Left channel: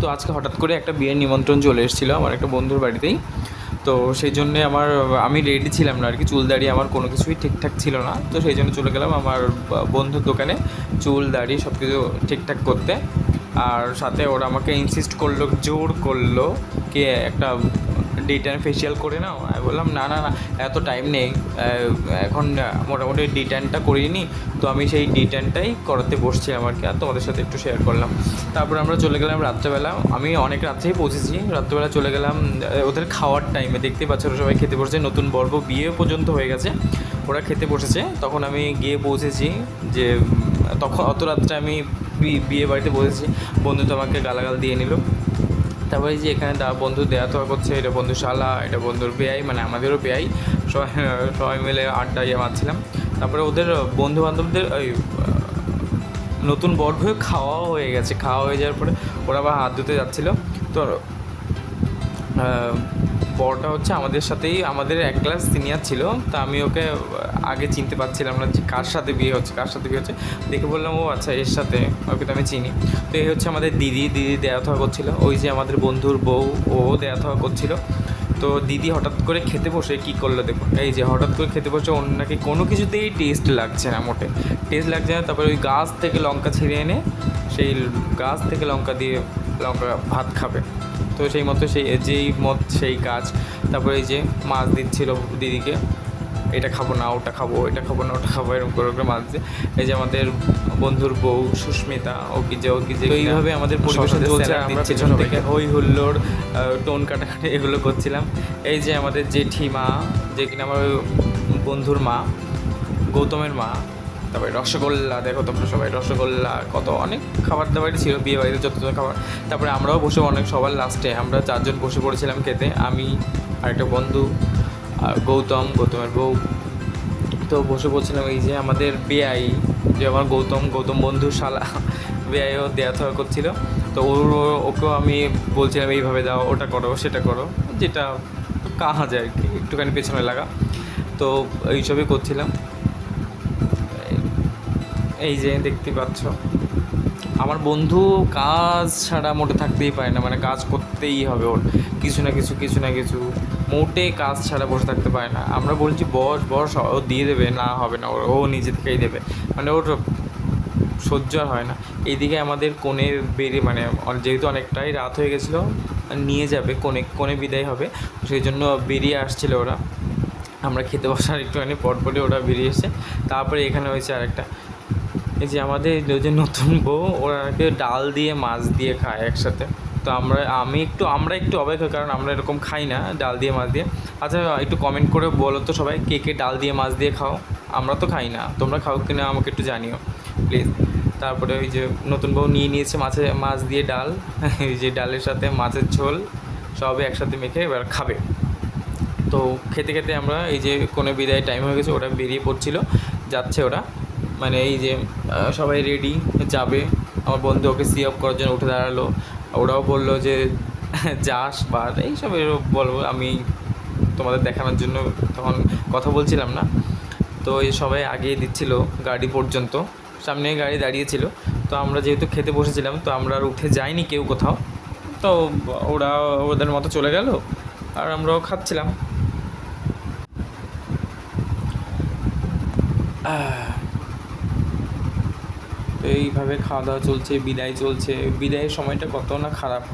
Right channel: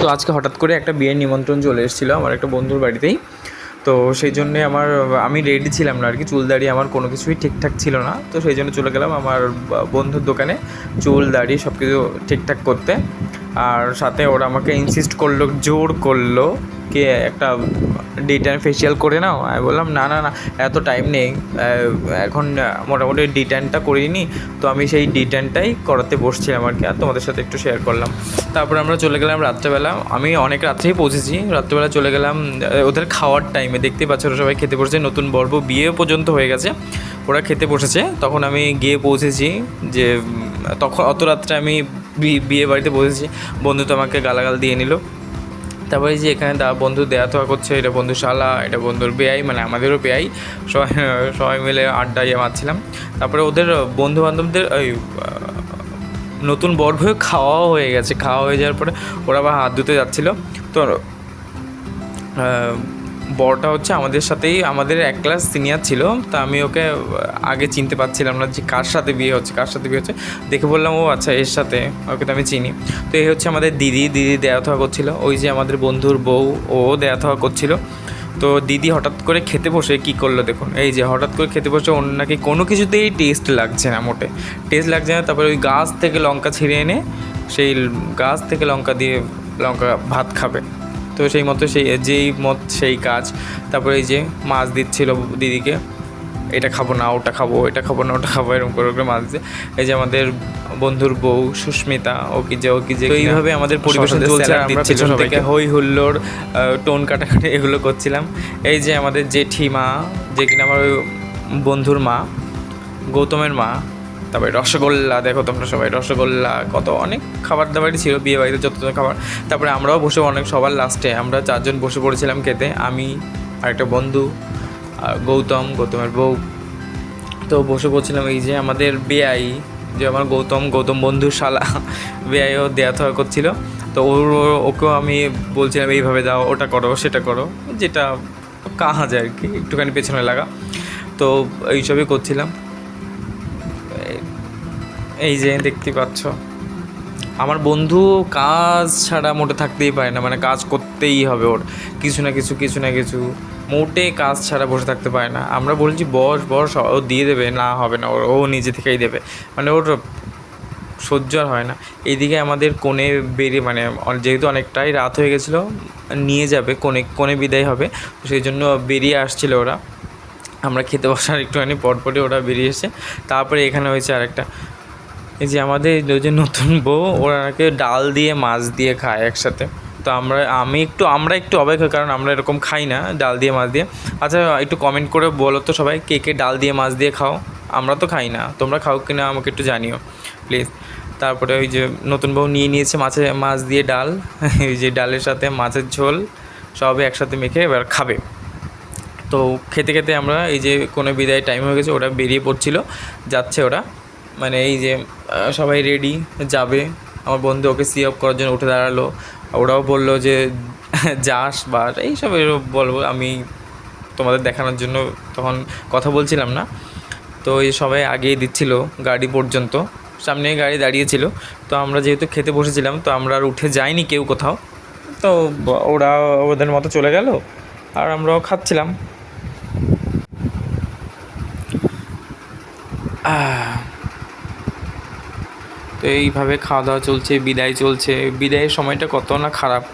তো আজকে হঠাৎ করে একটা বিয়ের নিমন্ত্রণ চলে এসেছিলো আমার একটা বন্ধুর বাড়িতেই। তো সেই জন্যে আমি রেডি ছিলাম না আর কি, চুল দাড়ি আমার কোনো কিছুই ঠিকঠাক ছিল না। তো সেই জন্য চলে গেলাম আমার বন্ধুর দোকানে চুল দাড়ি সব কিছু ঠিকঠাক করতে। আর সাথে ওরা আমাকে ইনসিস্ট করলো, জোর করলো কি একটা ডি10 ফেসিয়াল করে নাও। আমি বললাম না না না, এত টাইম নেই, এখন মোটামুটি ডি10টা করিনি। তো আমি সেই ডি10টাই করাতে বসছিলাম আর কি, আর তোমাদের সাথে একটু শেয়ার করলাম। তারপর আমরা চলে গেলাম রাত্রেবেলা, আমি অনেক রাত্রেই পৌঁছেছি। রাত্রেবেলা চলে গেলাম ওদের খাওয়ার টাইমে, দেখতেই পাচ্ছ ওরা সবাই খেতে বসেছে, নতুন পর্ব বিয়ে পর্যন্ত হয়ে গেছে, ওরা খেতে বসেছে। তখন আমি গিয়ে পৌঁছেছি, যে তখন অত রাত্রে আমি বিয়ে বাড়িতে বসেছি। বন্ধু তো আমাকে গালাগাল দিয়ে নিল। তারপরে যে এখানে বন্ধু দেয়া থাওয়া করছে, এটা বন্ধু শালা, এটা বন্ধুর বেয়াই, মানে আমাদেরও বেয়াই। সবাই সবাই মিলে আড্ডা মারছিলাম। তারপরে ওদের বন্ধুবান্ধবদের ওই নতুন বর্গ খাওয়াও হয়ে গেছে। খাওয়া হয়ে যাওয়ার পরে ওরা আবার হাত ধুতে যাচ্ছিলো। তো বরটা হচ্ছে আমাদের সাথেই, আমাদের এক ক্লাস সিনিয়র ছিল। তা আমি ওকে আগে চিনতে পারছিলাম না যে কার সাথে বিয়ে হচ্ছে। দেখে বললাম ও আচ্ছা এর সাথে, ওকে তো আমি চিনি। তো এই হচ্ছে আমাদের দিদি দেয়া থাওয়া করছিলো। ওই যে আমাদের বন্ধুর বউ, ও দেয়া থাওয়া করছিলো। তো দিদি হঠাৎ করে খেতে বসে কী করলো দেখুন, এই যে হঠাৎ করে খেতে বসে ওর নাকি কোনো কিছুতেই টেস্ট লাগছে না, টেস্ট লাগছে না। তারপরে ওই গাছ থেকে লঙ্কা ছিঁড়ে এনে সেই গাছ থেকে লঙ্কা দিয়ে ভাত খাবে। তো সেই মতো যেই মত সেই কাজ। তারপরে এই যে মাছ দিচ্ছিল দিদিকে, এটা খাবো না ওটা খাবো, এটা খাবো না ওটা খাবো, এরকম করে মাছ দিচ্ছে। এই যে আমাদের বন্ধুর বউ সুস্মিতা, ও কি যে তো এইভাবে আমাদের পরিবেশন চলছে। আমরা পেছন থেকে হই হুল্লোড়, টোন কাটাকাটি এগুলো করছিলাম। এই যে আমাদের জেঠিমা, যে কিনা আমার বন্ধুর মা, গৌতমের মা। তারপরে রসগোল্লা, দেখো তোমরা সবাই রসগোল্লা, কত অনেক খাবার দাবারই ছিল বিয়ে বাড়িতে, যত খাবার। তারপরে আমরাও বসে সবার লাস্টে আমরা 4 জন বসে পড়েছিলাম খেতে, আমি আর একটা বন্ধু আর গৌতমের বউ। তো বসে পড়ছিলাম। এই যে আমাদের বেআই, যে আমার গৌতম বন্ধুর শালা, বেআইও দেয়া থাওয়া করছিলো। তো ওকেও আমি বলছিলাম এইভাবে দাও, ওটা করো সেটা করো, যেটা কাজ আর কি, একটুখানি পেছনে লাগা। তো এইসবই করছিলাম। এই যে দেখতে পাচ্ছ আমার বন্ধু কাজ ছাড়া মোটে থাকতেই পারে না, মানে কাজ করতেই হবে ওর, কিছু না কিছু মোটে কাজ ছাড়া বসে থাকতে পারে না। আমরা বলছি বস ও দিয়ে দেবে, না হবে না, ও নিজে থেকেই দেবে, মানে ওর সহ্য আর হয় না। এইদিকে আমাদের কোণে বেরিয়ে, মানে যেহেতু অনেকটাই রাত হয়ে গেছিলো, নিয়ে যাবে কোণে বিদায় হবে, সেই জন্য বেরিয়ে আসছিলো ওরা। আমরা খেতে বসার একটুখানি পরপরই ওরা বেরিয়ে এসে। তারপরে এখানে হয়েছে আরেকটা, এই যে আমাদের যে নতুন বউ, ওরাকে ডাল দিয়ে মাছ দিয়ে খায় একসাথে। তো আমরা একটু অবাক হই, কারণ আমরা এরকম খাই না ডাল দিয়ে মাছ দিয়ে। আচ্ছা একটু কমেন্ট করে বলো তো সবাই, কে ডাল দিয়ে মাছ দিয়ে খাও? আমরা তো খাই না, তোমরা খাও কিনা আমাকে একটু জানিও প্লিজ। তারপরে ওই যে নতুন বউ নিয়ে নিয়েছে মাছ দিয়ে ডাল, এই যে ডালের সাথে মাছের ঝোল সবই একসাথে মেখে এবার খাবে। তো খেতে খেতে আমরা এই যে কোনো বিদায় টাইম হয়ে গেছে, ওরা বেরিয়ে যাচ্ছে ওরা, মানে এই যে সবাই রেডি যাবে। আমার বন্ধু ওকে সি অফ করার জন্য উঠে দাঁড়ালো। ওরাও বললো যে যাস বা এইসব বলবো, আমি তোমাদের দেখানোর জন্য তখন কথা বলছিলাম না। তো এই সবাই আগেই দিচ্ছিল গাড়ি পর্যন্ত, সামনে গাড়ি দাঁড়িয়েছিল। তো আমরা যেহেতু খেতে বসেছিলাম, তো আমরা আর উঠে যাইনি কেউ কোথাও। তো ওরা ওদের মতো চলে গেল, আর আমরাও খাচ্ছিলাম। তো এইভাবে খাওয়া দাওয়া চলছে, বিদায় চলছে। বিদায়ের সময়টা কত না খারাপ,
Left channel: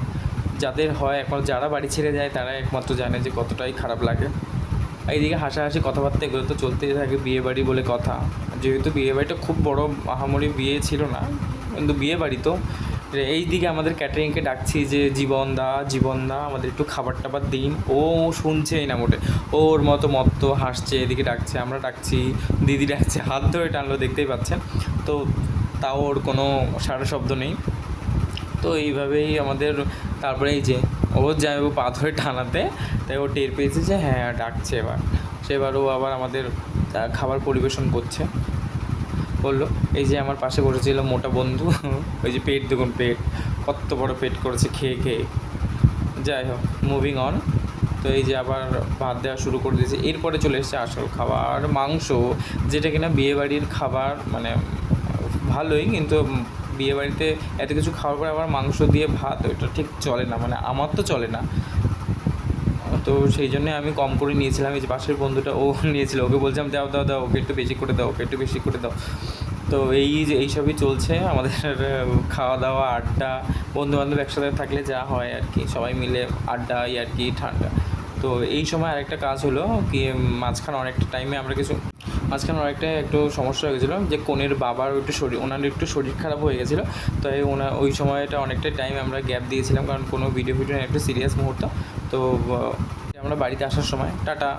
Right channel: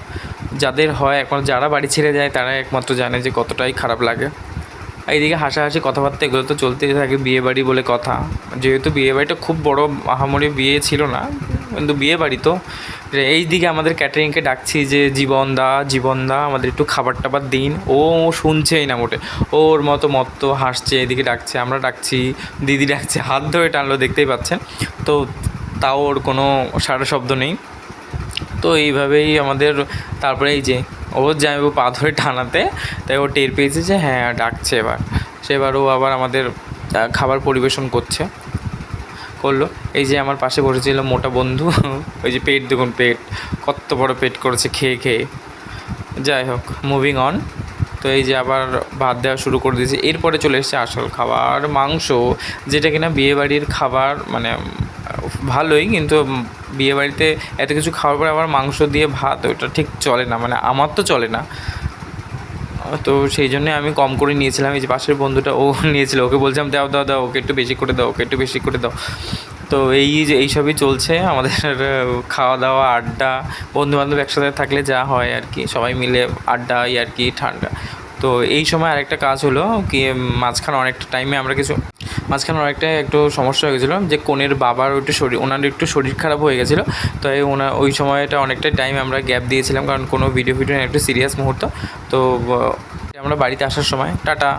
যাদের হয় একমাত্র, যারা বাড়ি ছেড়ে যায় তারা একমাত্র জানে যে কতটাই খারাপ লাগে। এইদিকে হাসাহাসি কথাবার্তা এগুলো তো চলতেই থাকে, বিয়ে বাড়ি বলে কথা। যেহেতু বিয়ে বাড়িটা খুব বড় আহামরি বিয়ে ছিল না, কিন্তু বিয়ে বাড়ি তো। এই দিকে আমাদের ক্যাটারিংকে ডাকছি যে জীবন দা আমাদের একটু খাবার টাবার দিন। ও শুনছেই না মোটে, ওর মতো হাসছে, এদিকে ডাকছে, আমরা ডাকছি, দিদি ডাকছে, হাত ধরে টানলো, দেখতেই পাচ্ছেন। তো তাও ওর কোনো সারা শব্দ নেই। তো এইভাবেই আমাদের, তারপরে এই যে ও জামাইবাবু পা ধরে টানাতে, তাই ও টের পেয়েছে যে হ্যাঁ ডাকছে। সেবার ও আবার আমাদের খাবার পরিবেশন করলো। এই যে আমার পাশে বসেছিল মোটা বন্ধু, ওই যে পেট দেখুন, কত বড় পেট করেছে খেয়ে। যাই হোক, মুভিং অন। তো এই যে আবার ভাত দেওয়া শুরু করে দিয়েছে। এরপরে চলে এসেছে আসল খাবার, মাংস, যেটা কিনা বিয়েবাড়ির খাবার, মানে ভালোই, কিন্তু বিয়েবাড়িতে এত কিছু খাওয়ার পরে আবার মাংস দিয়ে ভাত, ওটা ঠিক চলে না, মানে আমার তো চলে না। তো সেই জন্যে আমি কম করে নিয়েছিলাম। এই যে পাশের বন্ধুটা ও নিয়েছিল, ওকে বলছিলাম দাও দাও দাও, ওকে একটু বেশি করে দাও, ওকে একটু বেশি করে দাও। তো এই যে এইসবই চলছে আমাদের খাওয়া দাওয়া, আড্ডা, বন্ধুবান্ধব একসাথে থাকলে যা হয় আর কি, সবাই মিলে আড্ডা আর কি, ঠান্ডা। তো এই সময় আরেকটা কাজ হলো কি, মাঝখানে অনেকটা একটু সমস্যা হয়ে গেছিলো, যে কনের বাবার ওনার একটু শরীর খারাপ হয়ে গেছিলো। তাই ওই সময়টা অনেকটা টাইম আমরা গ্যাপ দিয়েছিলাম, কারণ কোনো ভিডিও একটু সিরিয়াস মুহূর্ত। তো আমরা বাড়িতে আসার সময় টাটা।